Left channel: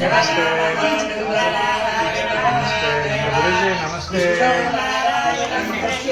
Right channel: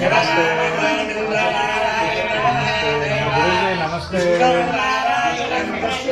నమస్తే నమస్తే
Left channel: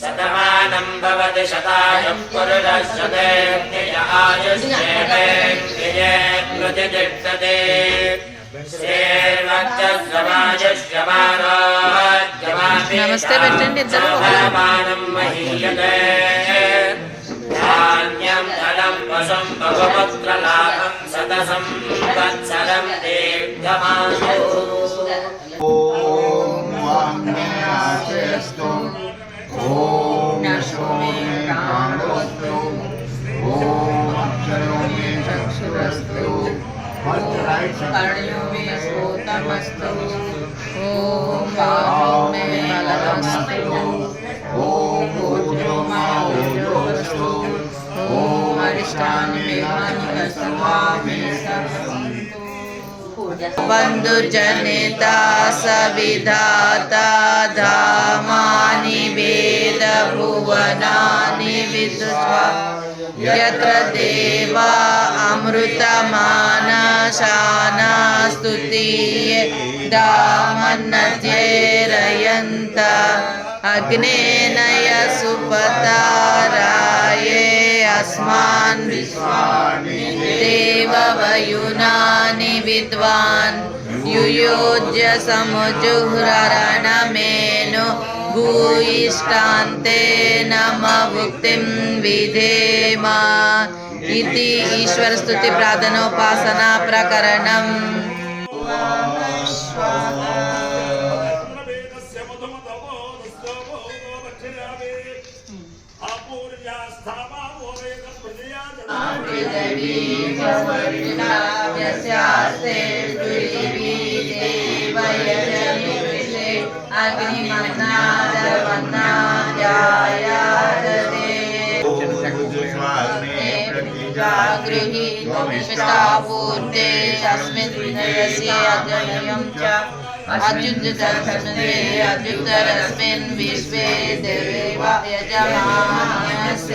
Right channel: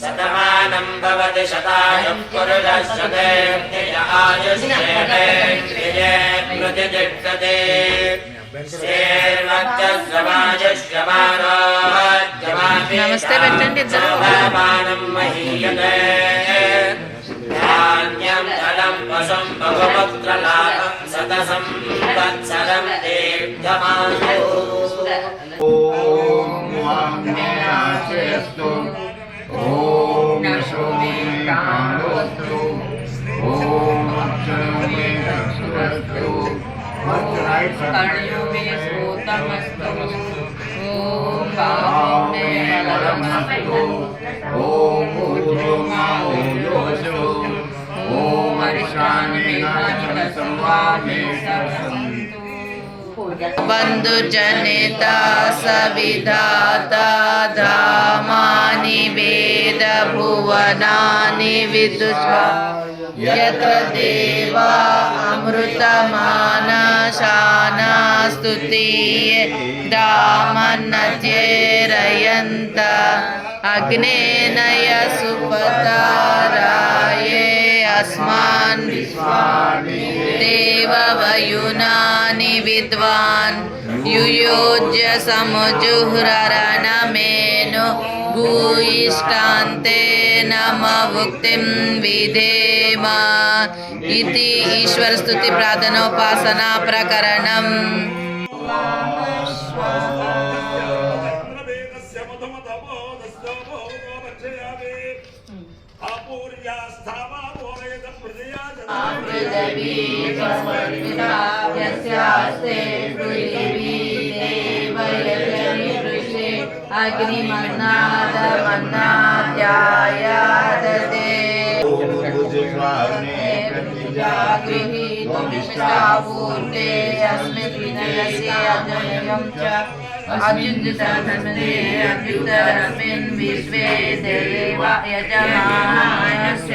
शतमानं भवति शतायं पुरुषशतेभ्यय आयुष्येभ्यये प्रतिजष्टते नमस्ते बच्चन महीयते वीर्यम् धनम् वशम् भगवत्रलाभम् सतसम् वत्सरम् देव्यमानो ॐ आज्ञाचेस्तु ॐ सोमे काणोऽस्तु ॐ अक्षरोमे चक्षुरस्तु कर्णयो मे श्रोतमस्तु ॐ बाहुमे बन्धुजनिता सविधाता धामानि वेदभुवनानि विदुत्वा यत्र देवा अमृतमानशाना स्तुतीये दामन्नत्येरयन्त अग्नेन सुपताराये अस्मान् देववयुनानि विद्वान् युयोज्य समुजुह्ररणमेनो भूयिष्ठान्ते नमभुक्तिं विधेम इति ईश्वरस्तुतिप्रार्थनोपासना यस्यास्ते पृथिवी देवयजनिषे गृहीतमिष्टापूर्ते अस्मिन् विनयस्य अजयं च। अत्युत्तरस्मिन् अत्युत्तरस्मिन् विश्वे देव यजमानस्य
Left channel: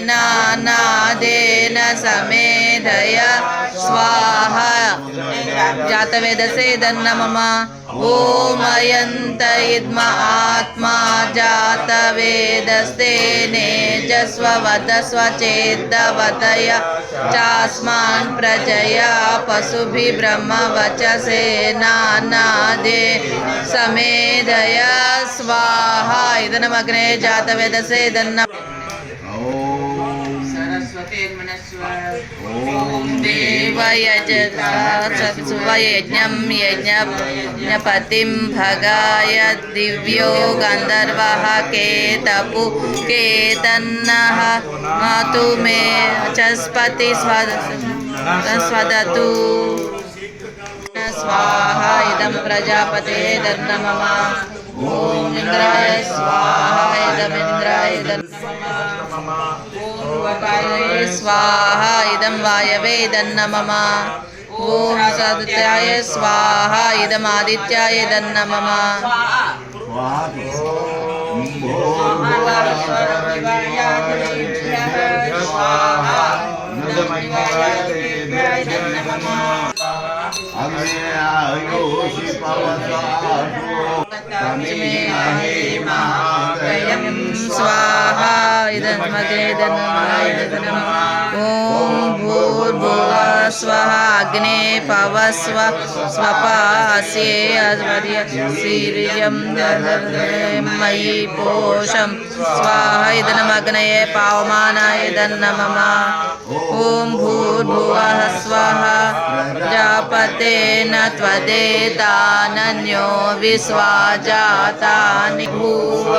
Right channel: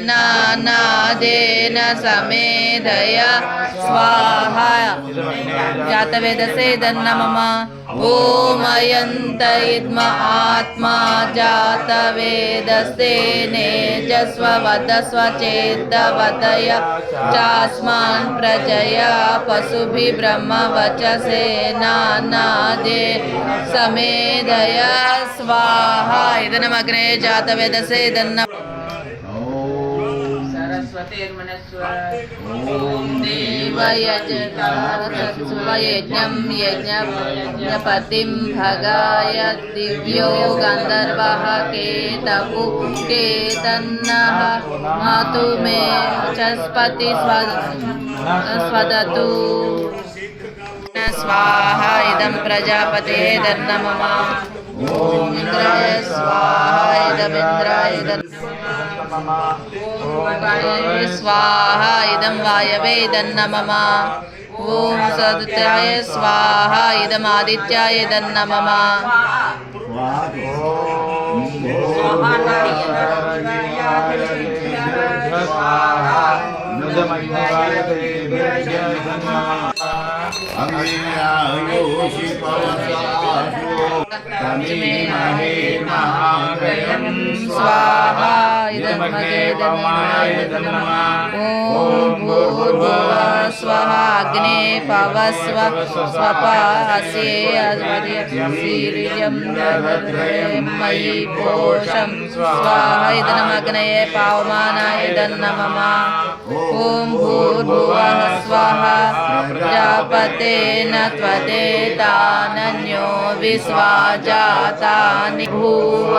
नानादेन समेधय स्वाहा। जातवेदसे दन्नमम। गोमयन्त इद्म आत्मा जातवेदसे नेजस्ववद स्वचेतवतय। चास्मान् प्रजया पशुभिः ब्रह्मवचसे नानादे समेधय स्वाहा। इदनमग्ने जातवेदसे सत्स्वयज्ञं यज्ञपतिं भगाय दिव्यो गन्धर्वः केतपु केतन्नः मातु मे चस्पति स्वदतु। स्वाहा इदं प्रजापते ఓం ఇంద్రాయ స్వాహ ఇదమింద్రాయ ఓం వాయవే స్వాహ ఇదం వాయవే ఇదన్నమమ ఓం సదుత్యాయ స్వాహ ఇదమాదిత్యాయ ఇదన్నమమ ఓం स्वाहा इदं मदेदनाय नमः ॐ भूर् अग्ने पवस्व स्वपासे वीर्यं मयि पोषं स्वाहा इदनमग्नये पावमानाय इदन्नमम। ओं भूर्भुव स्वाहा। प्रजापतेन विश्वा जाता भूव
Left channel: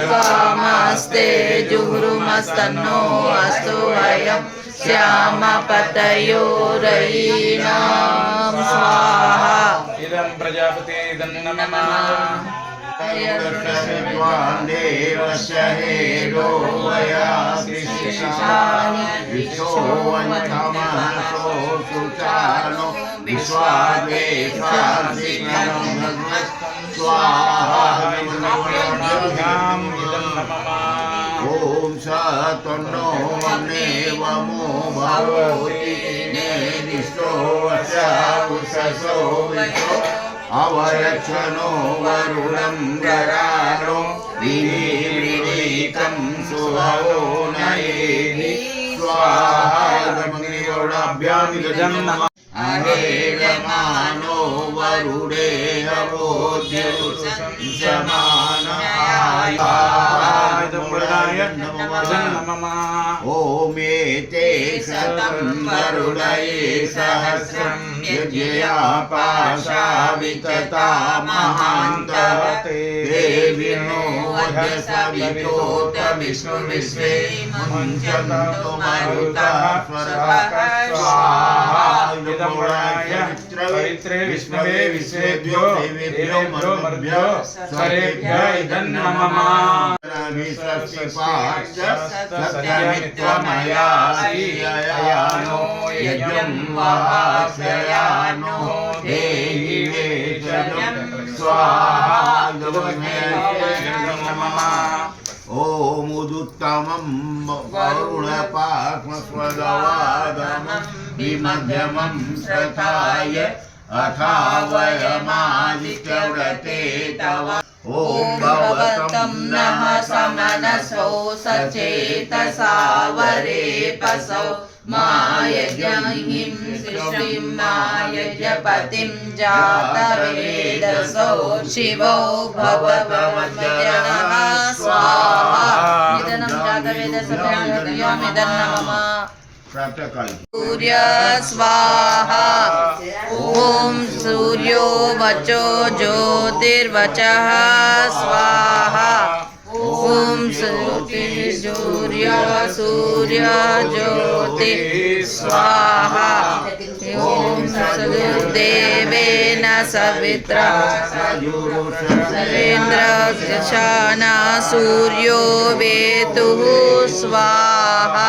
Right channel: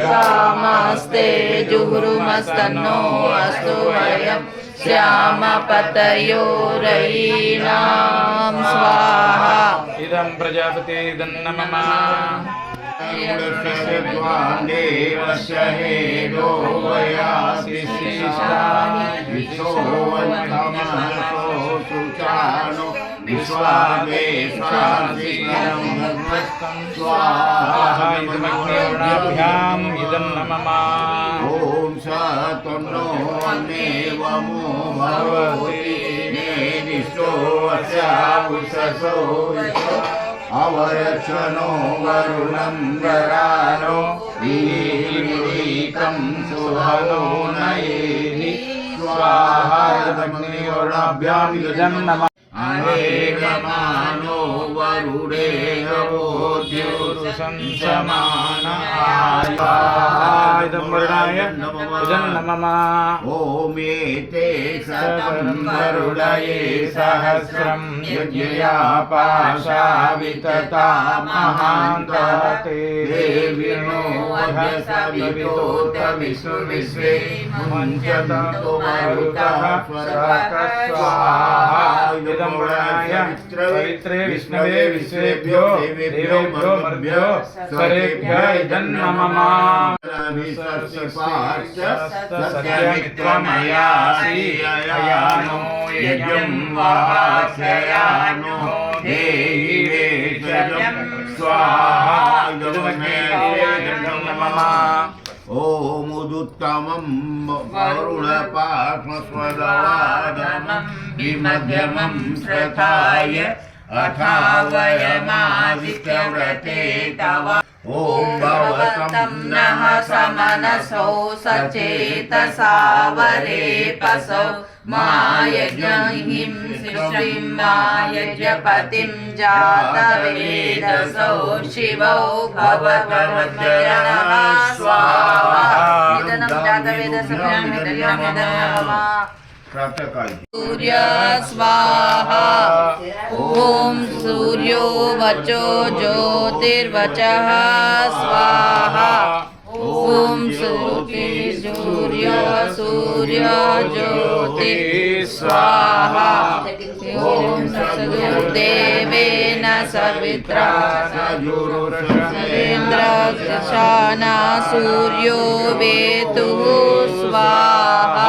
कामस्ते जुहुरुमस्तन्नो अस्तु वयम। श्यामपतयोरयि नाम स्वाहा इदं प्रजापते इदं नमः देवस्य हेदो वयासि विशोवन्तमहसो सुचानो विश्वादेशासि स्वाहा इदं ఓం సన్నో అన్నేవమో భగవతి నేనిష్టో వృషసో అవరక్షణో వరుణం గరాలో వినీకం సుభవో నయేమి స్వాహాభ్యామి గజం शतम् वरुडये सहस्रम् यज्ञया पाशा वितता महान्तः देविनो वदसवितोत विष्णुविश्वे मुञ्चन्तु मरुतः विष्णवे विश्वेभ्यो देवेभ्यो मरुभ्यो स्वरेभ्य इदन्नममा विषस्पिपाश्च सत्यमित्वमयासीययानो यज्ञं वासयानो देहि वेचजं स्वाहा ॐ उदुत्तमं विमध्यमं श्रथाय अथावयमादित्यव्रते तव ॐ भवतं नः समनसौ सचेतसा वरेपसौ माय न हिंसश्रीं जातवेदसौ। शिवौ भवत स्वाहा। जातवेदसि सूर्य स्वाहा। ओम सूर्यो वचो ज्योतिर्वच स्वाहा। ओम सूर्य सूर्य ज्योति स्वाहा। ओम सदुर्देवेन न सवित्रेन्द्र सूर्यो वेतु स्वाहा।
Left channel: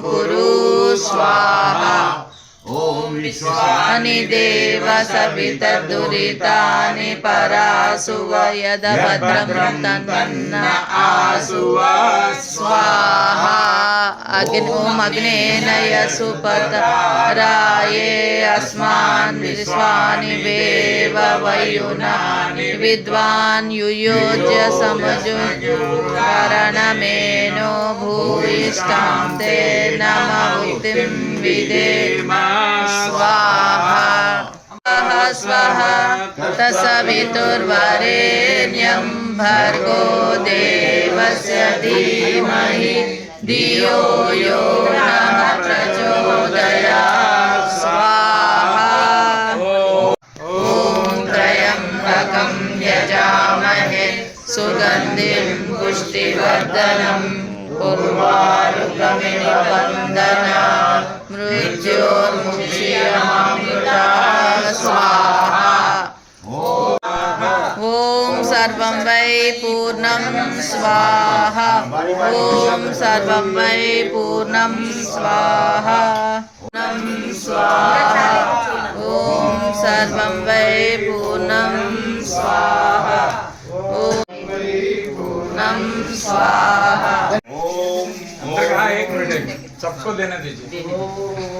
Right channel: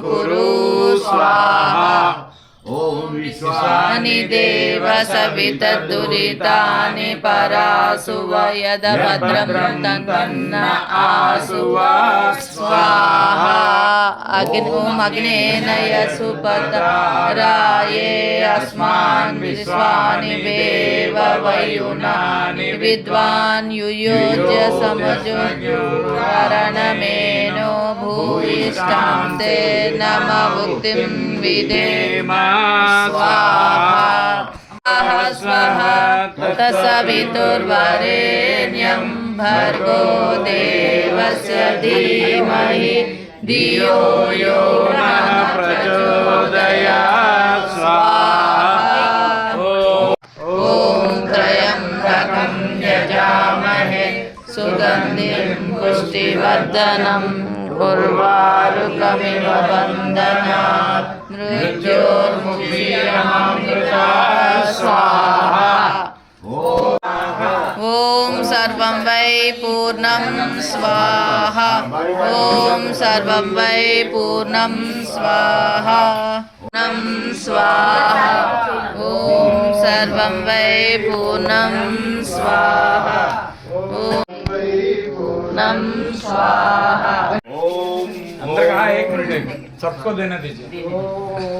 स्वाहा ॐ विश्वानि देव सवितदुरितानि परासु वयदभद्रं तन्न आसुव स्वाहा अग्नि ॐ अग्नेनय सुपतराये अस्मान् विश्वानि देव वयुनानि विद्वान् युयोज्य समजुरणमेन भूयिष्ठां ते नममुक्तिं विदेम। स्वाहा। स्वः तत्सवितुर्वरेण्यं भर्गो देवस्य धीमहि। धियो यो नः प्रचोदया सुगन्धिं पुष्टिवर्धनम्। उर्वारुकमिव बन्धना मृत्योर्मुक्षीयमामृता स्वाहा ॐ सर्वं वै पूर्णं स्वाहा ॐ सर्वं वै पूर्णं स्वाहा नं स्वाहा ॐ सर्वं वै पूर्णं स्वाहा ॐ पूर्णं स्वाहा एक सबको देने दीजिए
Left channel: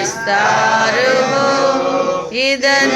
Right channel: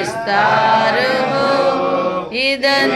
विस्तार हो इदन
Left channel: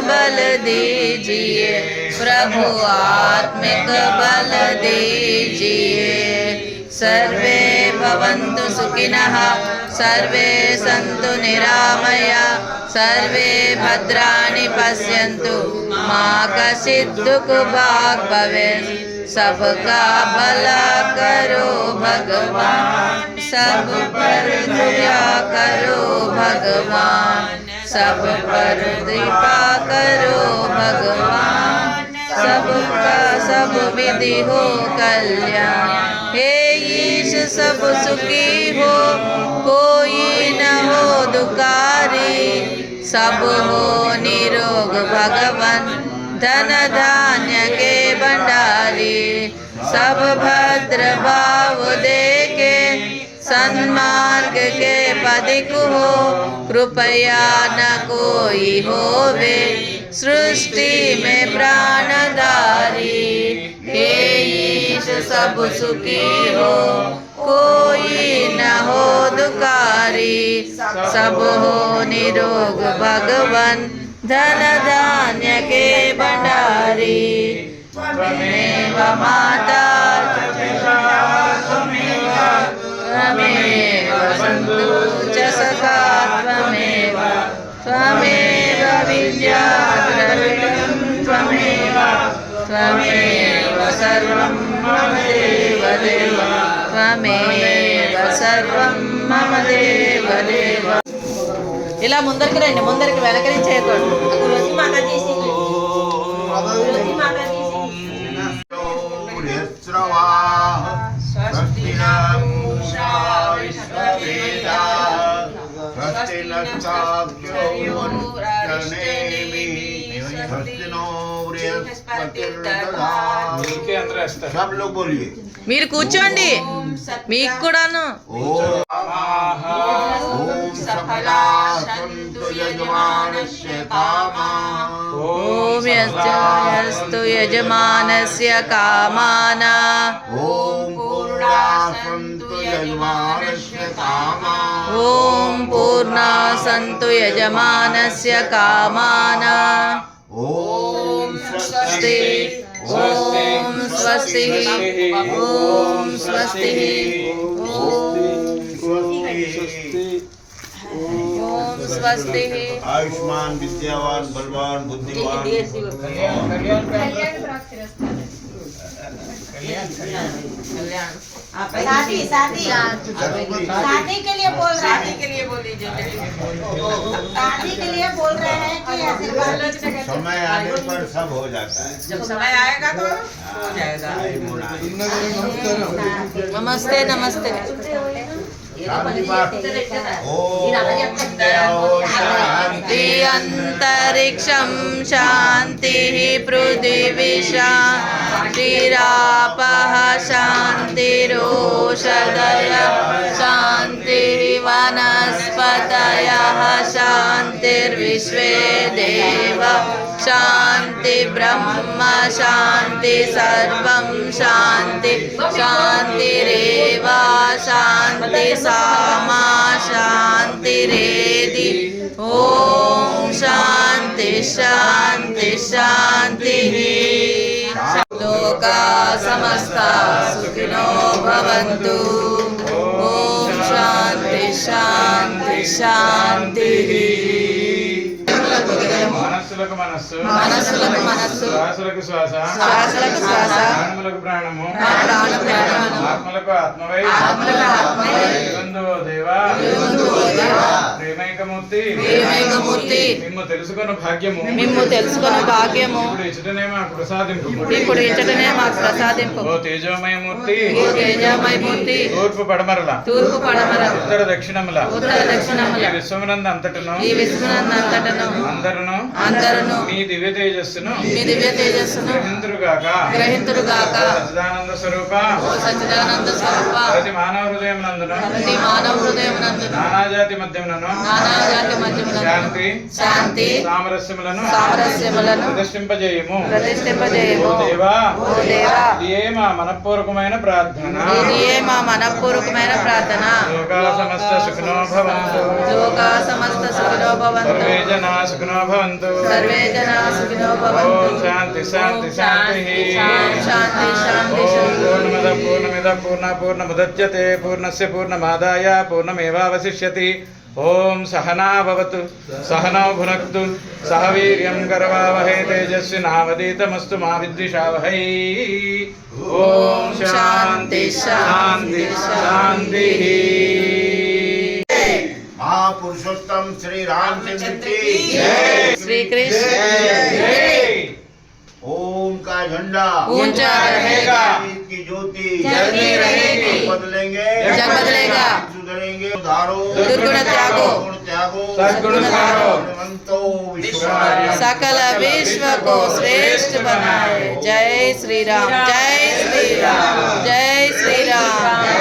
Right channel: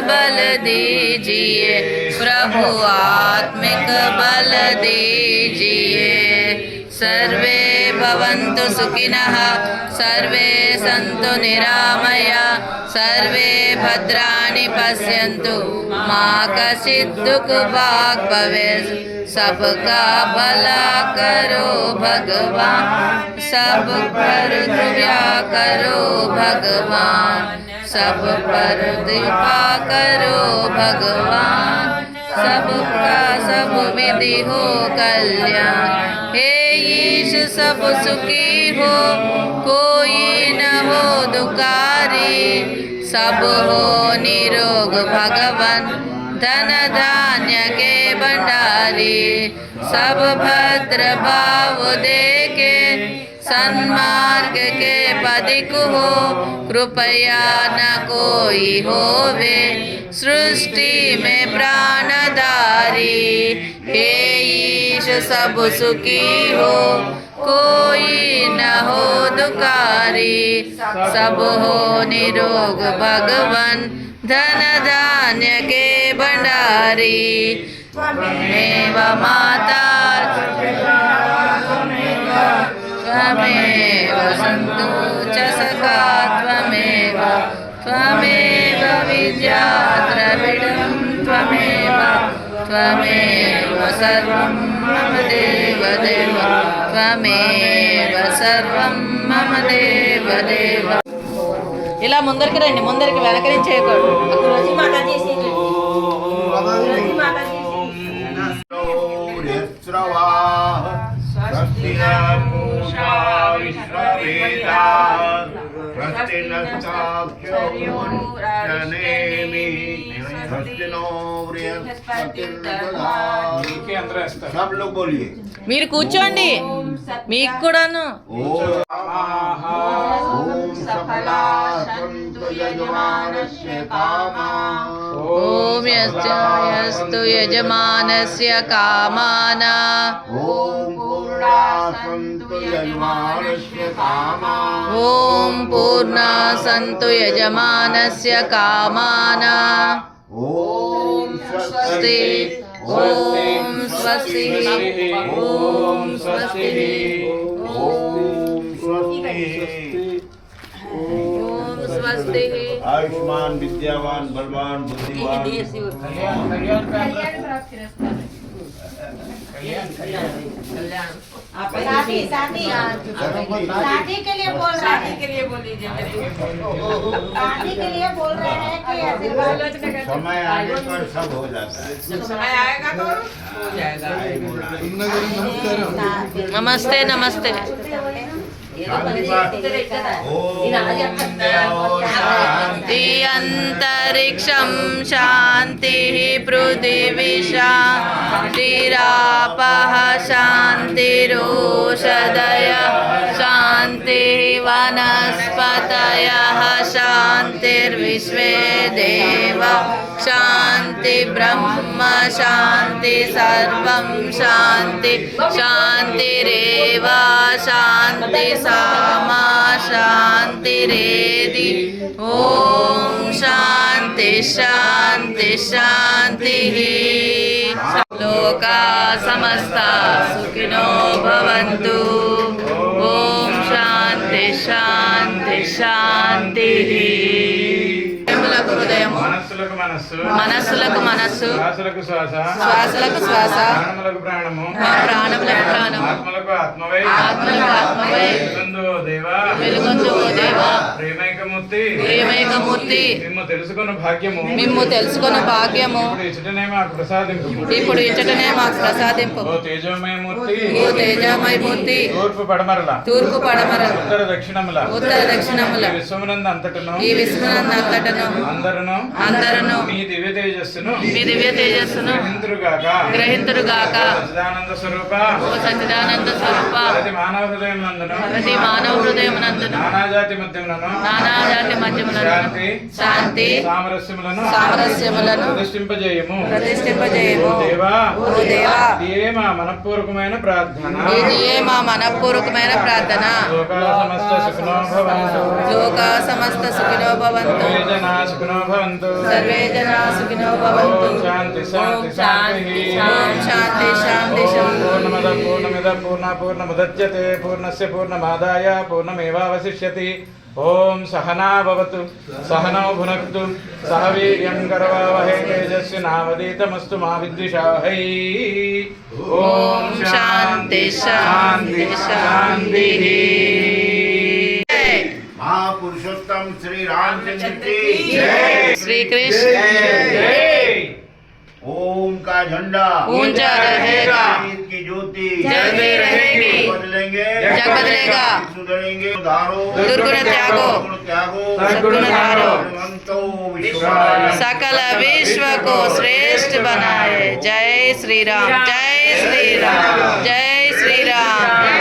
बल दीजिए। प्रभु आत्मिक बल दीजिए। सर्वे भवन्तु सुखिनः, सर्वे सन्तु निरामया, सर्वे भद्राणि पश्यन्तु। मा कश्चित् दुःख भाग् भवेत्। सबका भला करो भगवान। सब पर कृपया करो भगवान। सब पर कृपा करो भगवान। सबका सब विधि हो कल्याण। हे ईश, सब सुखी हो, कोई न हो दुकारी सब हो निरोग भगवन, धन धान्य के भंडारी। सब भद्र भाव देके सन्मार्ग के पदिक हो, कृपया न कोई होवे। सृष्टि में प्राणधारी, हे ईश सब सुखी हो। कोई न हो दुकारी सब हो निरोग भगवन। धन धान्य के भंडारी माता त्वमेव सर्वं मम देव देव त्वमेव सर्वं मम देव देव ఇలా ముందరికి రండి ముందరికి వెనక నుంచి చేయకూడదు तुलसी सब लोग बोलिए మీరు కూర్చోండి మీకు కూడాను ओम ओम सफला सन्तु यजमानस्य कामाः ఓం యస్తు యజమానస్య కామానా ॐ पूर्णा सन्तु यजमानस्य कामाः ఓం పూర్ణ సంతు యజమానస్య కామానా ॐ स्वस्ति ॐ स्वस्ति ॐ स्वस्ति ॐ स्वस्ति आयुष्मान विद्यावान बलवान बुद्धिमान शादी शादी। शादी के लिए बोल शादी के लिए बोल शादी के लिए बोल रहे हैं। कि आशीर्वाद समय आने पर सब हो जाता है। जब समय आएगा तो हो जाएगा। नमस्ते नमस्ते। शांति शांति अन्तरिक्षं शान्तिः पृथिवी शान्तिरापः शान्तिरोषधयः शान्तिवनस्पतयः शान्तिर्विश्वे देव शान्ति ब्रह्म शान्ति सर्वं शान्ति शान्तिरेव शान्ति सामा शान्तिरेदि ॐ शान्ति शान्ति शान्तिः लोका समस्ता सुखिनो भवन्तु ॐ शान्ति शान्ति शान्तिः మనస్సులకు మనస్సు. మనస్సులకు మనస్సు. శ్వాసలకు శ్వాస. శ్వాసలకు శ్వాస. ప్రాణములకు ప్రాణము. మా ప్రాణములకు ప్రాణము. ఆత్మలకు ఆత్మవై. ఆత్మలకు ఆత్మవై. వెలుగొందు దేవా. మిమ్ము భాగ్యము. మిమ్ము తెలుసుకున్న భాగ్యము. ఇప్పుడు ఇచ్చటనే మాకు ప్రసాదింపు. ఇప్పుడు ఇచ్చటనే మాకు ప్రసాదింపు. ఓ తేజోమయమూర్తి. తూర్పు పడమరల. తూర్పు ఉత్తర దక్షిణముల. ఉత్తర దక్షిణముల. ఈ విశ్వమునందు అంతటను. ఈ అందరును. అందరను. నీ దివ్య తేజస్సును మీ దివ్య తేజస్సును గ్రహింతురుగాక. గ్రహింతురుగాక. సచ్చిదానంద స్వరూప. ఓ సచ్చిదానంద స్వరూప. ప్రతి మానవ హృదయం నందును ప్రతి మానవ నానాజాతి మధ్యములను. నానా జాతి మధ్యములను శాంతి శాంతి సామరస్యములను సామరస్యములను ప్రతిష్ఠింపజేయము. ప్రతిష్ఠింపజేయము. ఓ దేవా ఓ దేవా ఇదే మా మనపూర్వకమైన ప్రార్థన. ఇదియే మా మనపూర్వకమైన ప్రార్థన. లోకా సమస్త సుఖినో భవంతు. లోక సమస్త సుఖినో భవంతు. సర్వే జనా సుఖినో భవంతు. సర్వే జనా సుఖినో ఓం భవంతు శాంతి శాంతి. శాంతి శాంతి పూర్ణమద పూర్ణమిద పూర్ణ పూర్ణస్య పూర్ణమాదాయ పూర్ణమేవావశిష్యతి. ఓం సహనా భవతు సహనౌ భునక్తు సహ వీర్యం గర్వావహై తేజస్వినావదీతమస్తు మా విద్విషావహై ఓం శాంతి శాంతి శాంతి महापुरुषोत्तम श्री रामचंद्र की जय శ్రీకృష్ణ ओम का झंडा ऊंचा रहेगा ईद की ज्योति जलती रहेगी। बदलेंगे। जग बदलेगा। सुधरेंगे धारो दुर्गुण त्यागो। त्यागो। सद्गुण धारो। सकल विश्व को श्रेष्ठ बनाए। जय श्री राम जय श्री राम जय श्री राम